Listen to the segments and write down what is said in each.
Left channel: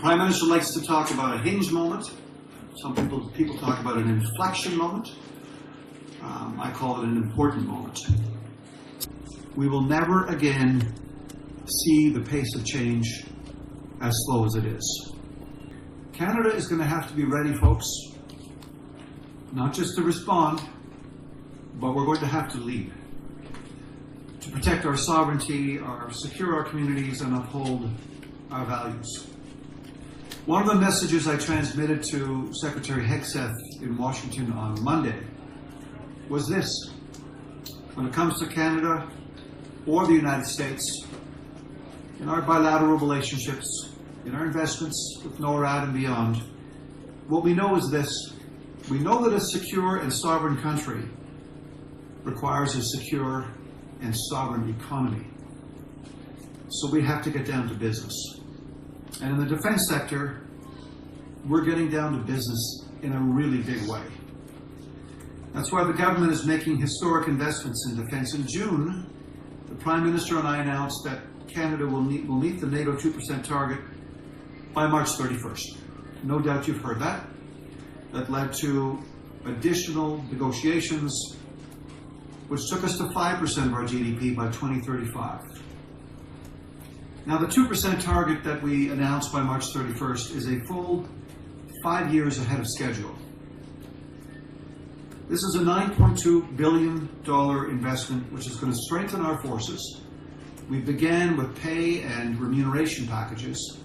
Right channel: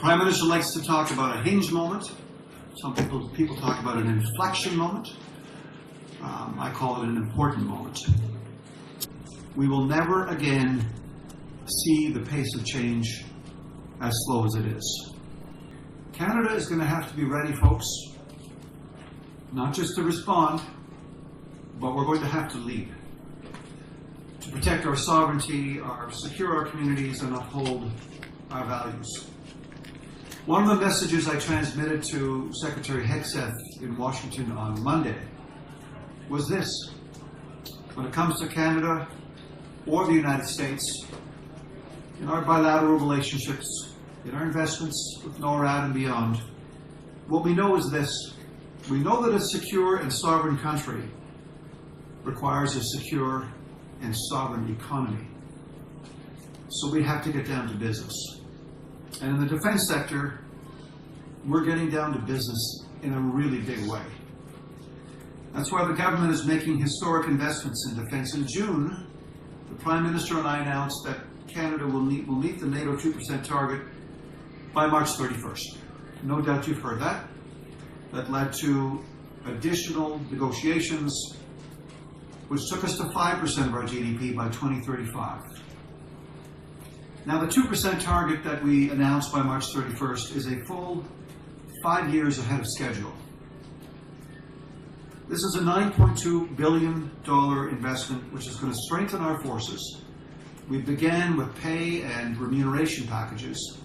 Prime Minister likes to talk about a hinge moment. Some people talk about an inflection moment. I call it an important moment. We will never again see the pace of change as slow as it is. Canada is going to have to be ready, folks, not just to respond, but we're going to have to lead to protect our sovereignty, secure our communities, and uphold our values. One of the messages I transmitted to Secretary Hegseth in Washington on Monday was this: when it comes to Canada or the United States, in our bilateral relationships, in our investments with NORAD and beyond, what we know is this: we know that a secure and sovereign country requires a secure and sovereign economy. So we have to get down to business. And in the defense sector, we're getting down to business in a really big way. That's why the government is making historic investments in defense. In June, the Prime Minister and I announced that Canada will meet the NATO 2% target by March 31st. No doubt you've heard that. That led to additional negotiations, which took us to 5% of our GDP by 2035. Now, the 2% target that we announced by March 31st is a full 5 years ahead of schedule. This is a $9.2 billion investment which is going to strengthen our forces. We began with pay and remuneration packages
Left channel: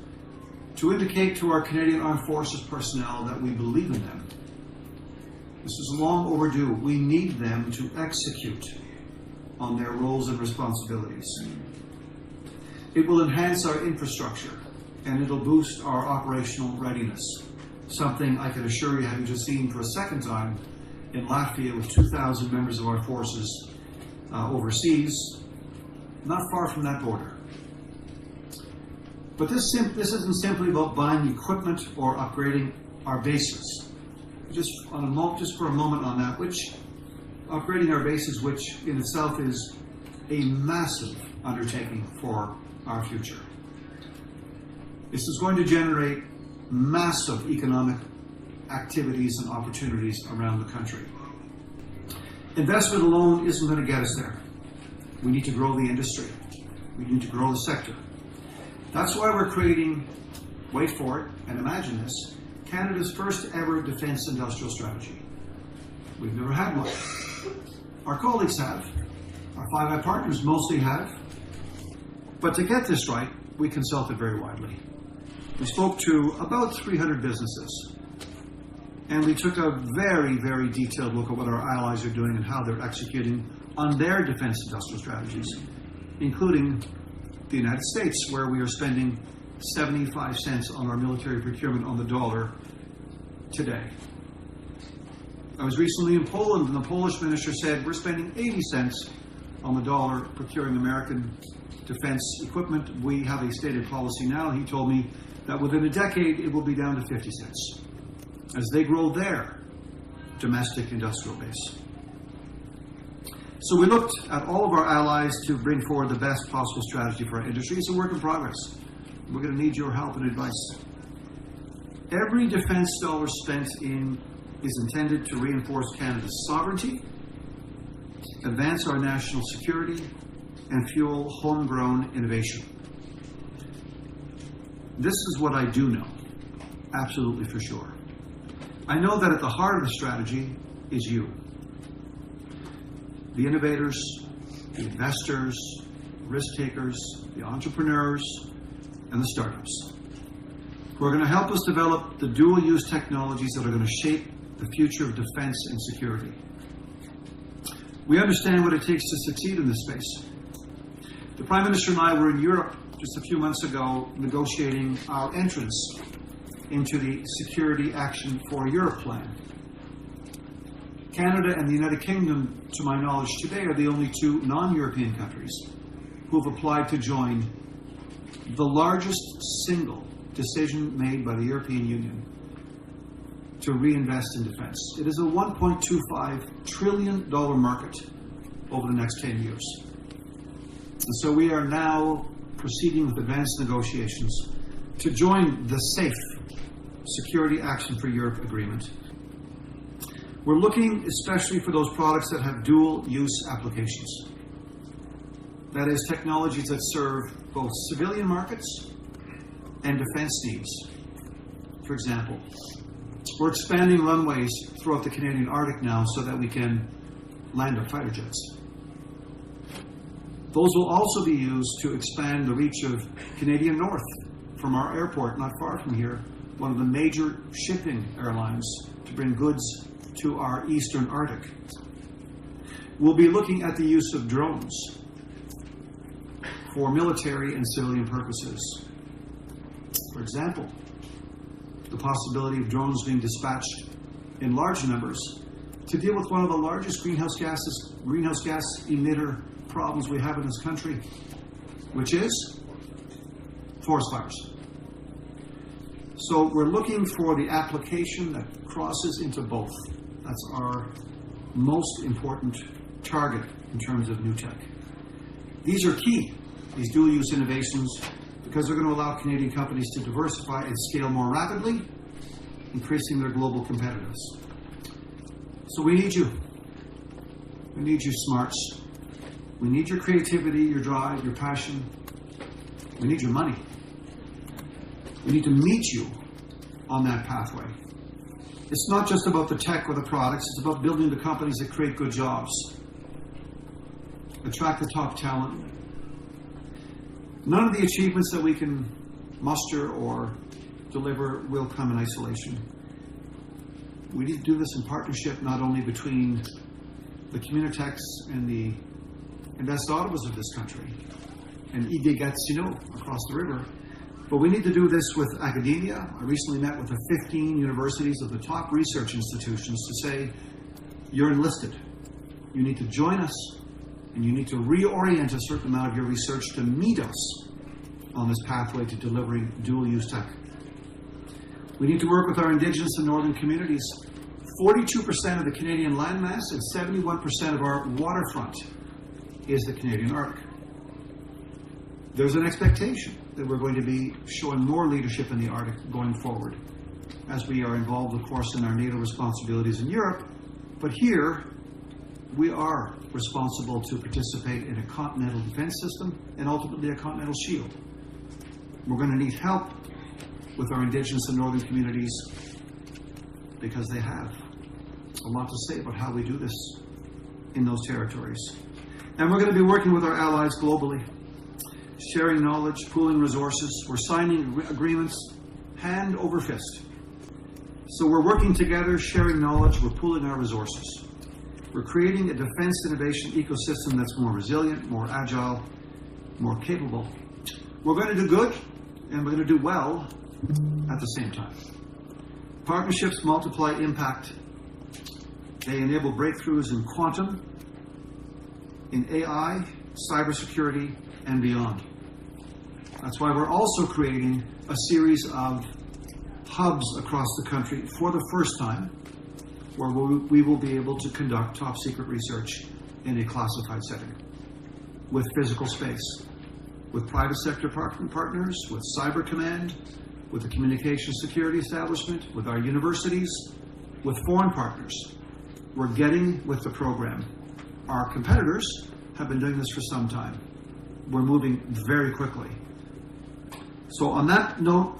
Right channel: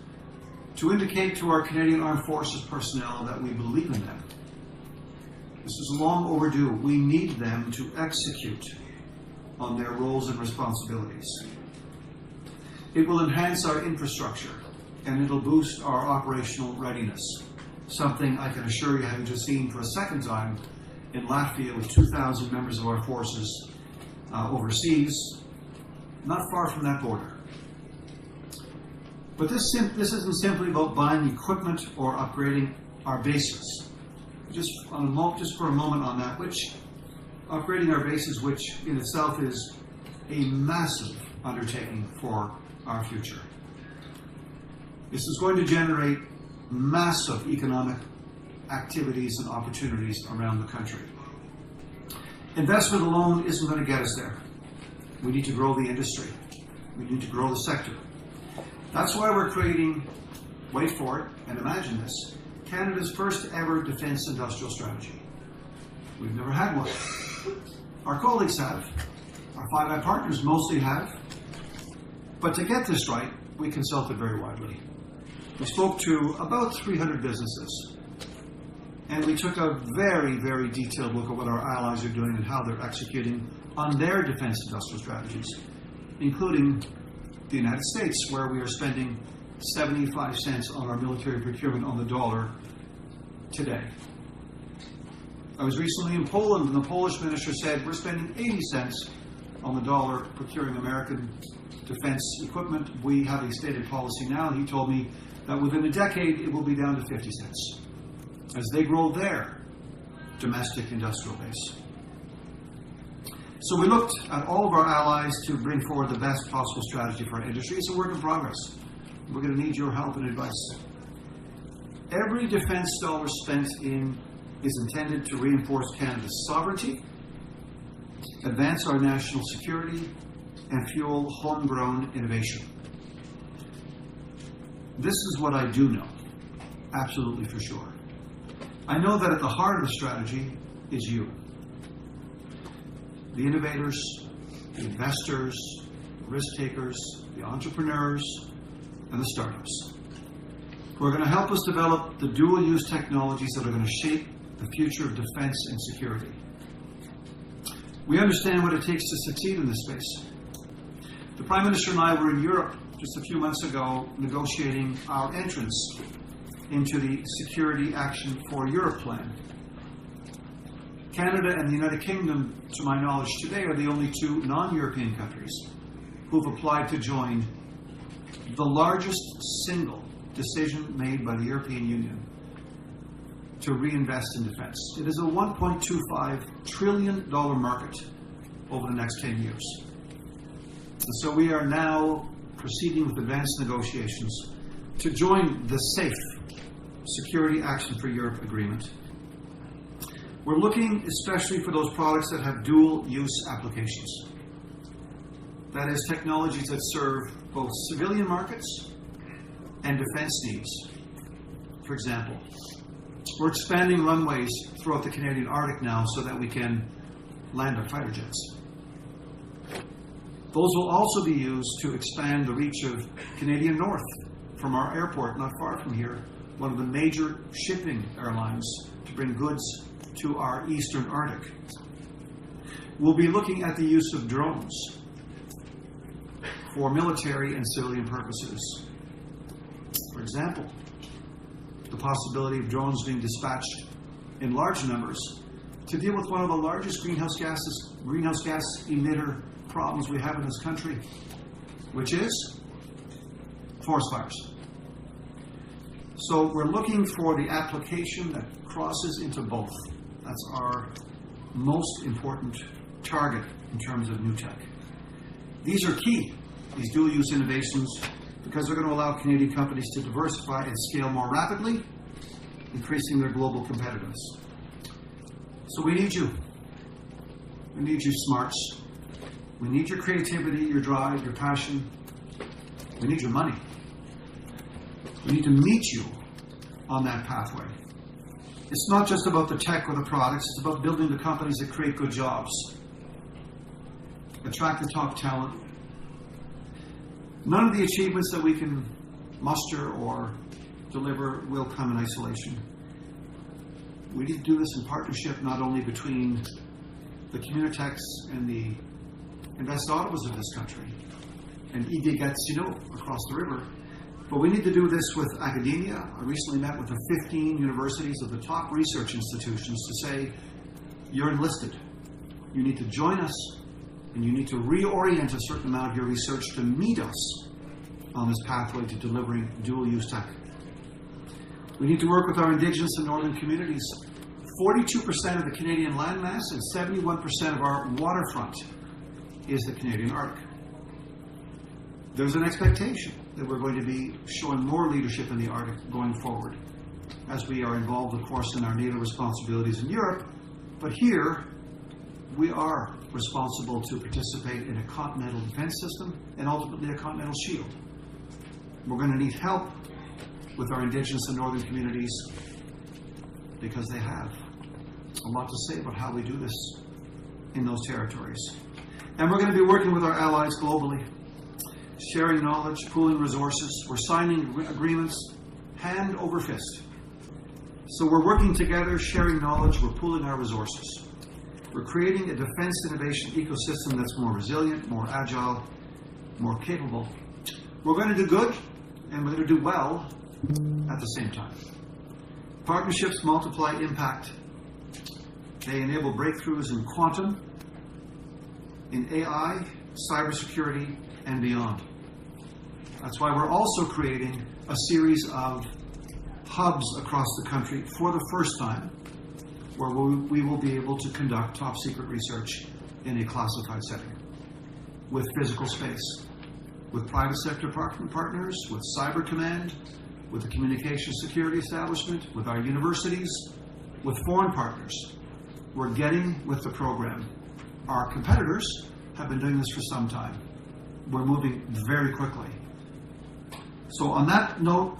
to indicate to our Canadian Armed Forces personnel that we believe in them. This is long overdue. We need them to execute on their roles and responsibilities. It will enhance our infrastructure, and it'll boost our operational readiness, something I can assure you, having just seen for a second time in Latvia with 2,000 members of our forces overseas, not far from that border. But this isn't simply about buying equipment or upgrading our bases. Just for a moment on that, upgrading our bases, which in itself is a massive undertaking for our future. This is going to generate massive economic activities and opportunities around the country. Investment alone isn't going to get us there. We need to grow the industry. We need to grow the sector. That's why we're creating, wait for it, and imagine this, Canada's first ever defense industrial strategy. We've never had one. Our colleagues have. Our Five Eye partners mostly have. But to get this right, we consulted very widely. We spoke to about 300 businesses. And we took a very, very detailed look at what our allies are doing and how they're executing on their defense industrial strategies, including the United States, where we are spending 75 cents on our military procurement on the dollar today. I was recently in Poland, and the Polish minister said we're spending 80 cents on the dollar procuring American defense equipment. We have a stated policy now. He told me that within a decade it will be down to 50 cents as they grow their domestic industrial base. So we looked at all of our allies to bring forward the best possible strategy for our industry. It's a work in progress. We're going to need your help and advice. Every defense dollar spent is intended to reinforce Canada's sovereignty, advance our national security, and fuel homegrown innovation. This is what I do know, absolutely for sure. I know that at the heart of the strategy is you. The innovators, the investors, risk takers, the entrepreneurs, and the startups who are going to help us develop the dual-use technologies that are going to shape the future of defense and security. We understand what it takes to succeed in this space. The Prime Minister and I were in Europe just a few months ago negotiating our entrance into the Security Action for Europe plan. Canada and the United Kingdom, to my knowledge today, are the only two non-European countries who have applied to join the largest single decision made by the European Union to reinvest in defense. It is a $1.25 trillion market over the next 10 years. And so we are now proceeding with advanced negotiations to join the SAFE, Security Action for Europe Agreement. We're looking especially for those products that have dual-use applications. That is, technologies that serve both civilian markets and defense needs. For example, we're expanding runways throughout the Canadian Arctic now so that we can land our fighter jets. Those will also be used to expand the reach of Canadian North from our airport not far from here, one of the major shipping airlines to bring goods to our eastern Arctic. We'll be looking at the use of drones for military and civilian purposes. For example, the possibility of drones being dispatched in large numbers to deal with one of the largest greenhouse gas emitter problems we have in this country, which is forest fires. So we're looking for the application that crosses into both. That's our most important target in terms of new tech. These are key, these dual-use innovations, because they're going to allow Canadian companies to diversify and scale more rapidly, increasing their global competitiveness. So we need you. We need you smarts. We need your creativity, your drive, your passion. We need your money. We need to meet you on that pathway. It's not just about the tech or the products, it's about building the companies that create good jobs, attract the top talent. None of the achievements that we can muster or deliver will come in isolation. We need to do this in partnership, not only between the Communitechs and the Invest Ottawas of this country and IG Gatineau across the river, but we need to do this with academia. I recently met with the 15 universities of the top research institutions to say, you're enlisted. You need to join us, and you need to reorient a certain amount of your research to meet us on this pathway to delivering dual-use tech. We need to work with our Indigenous and Northern communities. 42% of the Canadian landmass and 71% of our waterfront is the Canadian Arctic. There's an expectation that we're going to be showing more leadership in the Arctic going forward, as we are involved, of course, in our NATO responsibilities in Europe. But here, we are responsible to participate in a continental defense system and ultimately a continental shield. We're going to need help with our Indigenous and Northern communities because they have a lot to say about how we do this in those territories. And we're going to be working with our allies globally, sharing knowledge, pooling resources. We're signing agreements hand over fist. So we're working together, sharing knowledge, we're pooling our resources. We're creating a defense innovation ecosystem that's more resilient, more agile, more capable. We're going to do good, and we're going to do well at the same time. Partnerships multiply impact. They enable breakthroughs in quantum, in AI, cybersecurity, and beyond. That's why we're also creating a series of hubs across the country for the first time, where we will be able to conduct top secret research in a classified setting, with physical space, with private sector partners, with Cyber Command, with the Communications Security Establishment, with our universities, with foreign partners. We're getting with the program. Our competitors have been doing this for some time. We're moving very quickly. So on that note,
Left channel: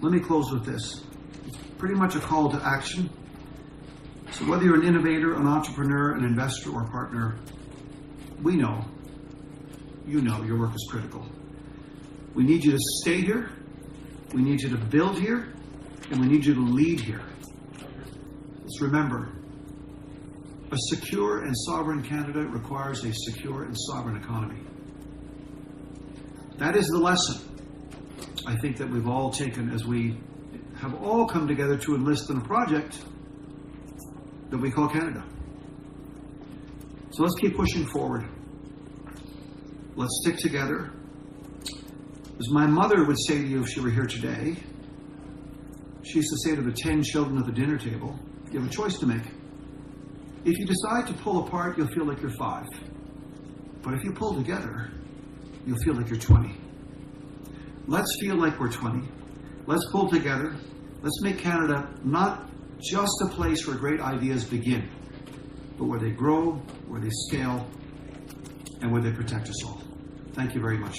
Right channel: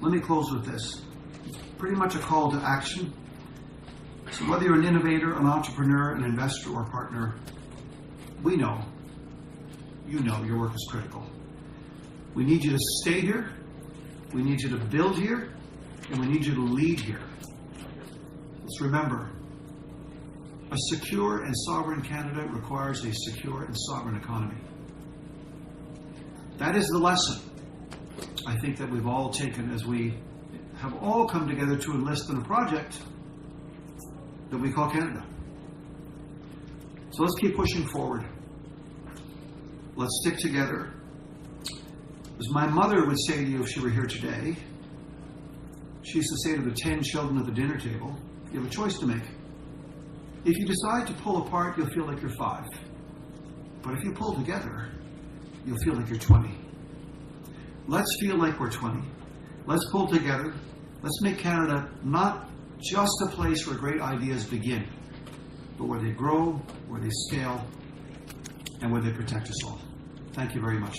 let me close with this. It's pretty much a call to action. So whether you're an innovator, an entrepreneur, an investor, or partner, we know, you know your work is critical. We need you to stay here, we need you to build here, and we need you to lead here. Let's remember, a secure and sovereign Canada requires a secure and sovereign economy. That is the lesson, I think, that we've all taken as we have all come together to enlist in a project that we call Canada. So let's keep pushing forward. Let's stick together. As my mother would say to you if she were here today, she used to say to the 10 children at the dinner table, you have a choice to make. If you decide to pull apart, you'll feel like you're 5. But if you pull together, you'll feel like you're 20. let's feel like we're 20. Let's pull together. Let's make Canada not just a place where great ideas begin, but where they grow, where they scale, and where they protect us all. Thank you very much.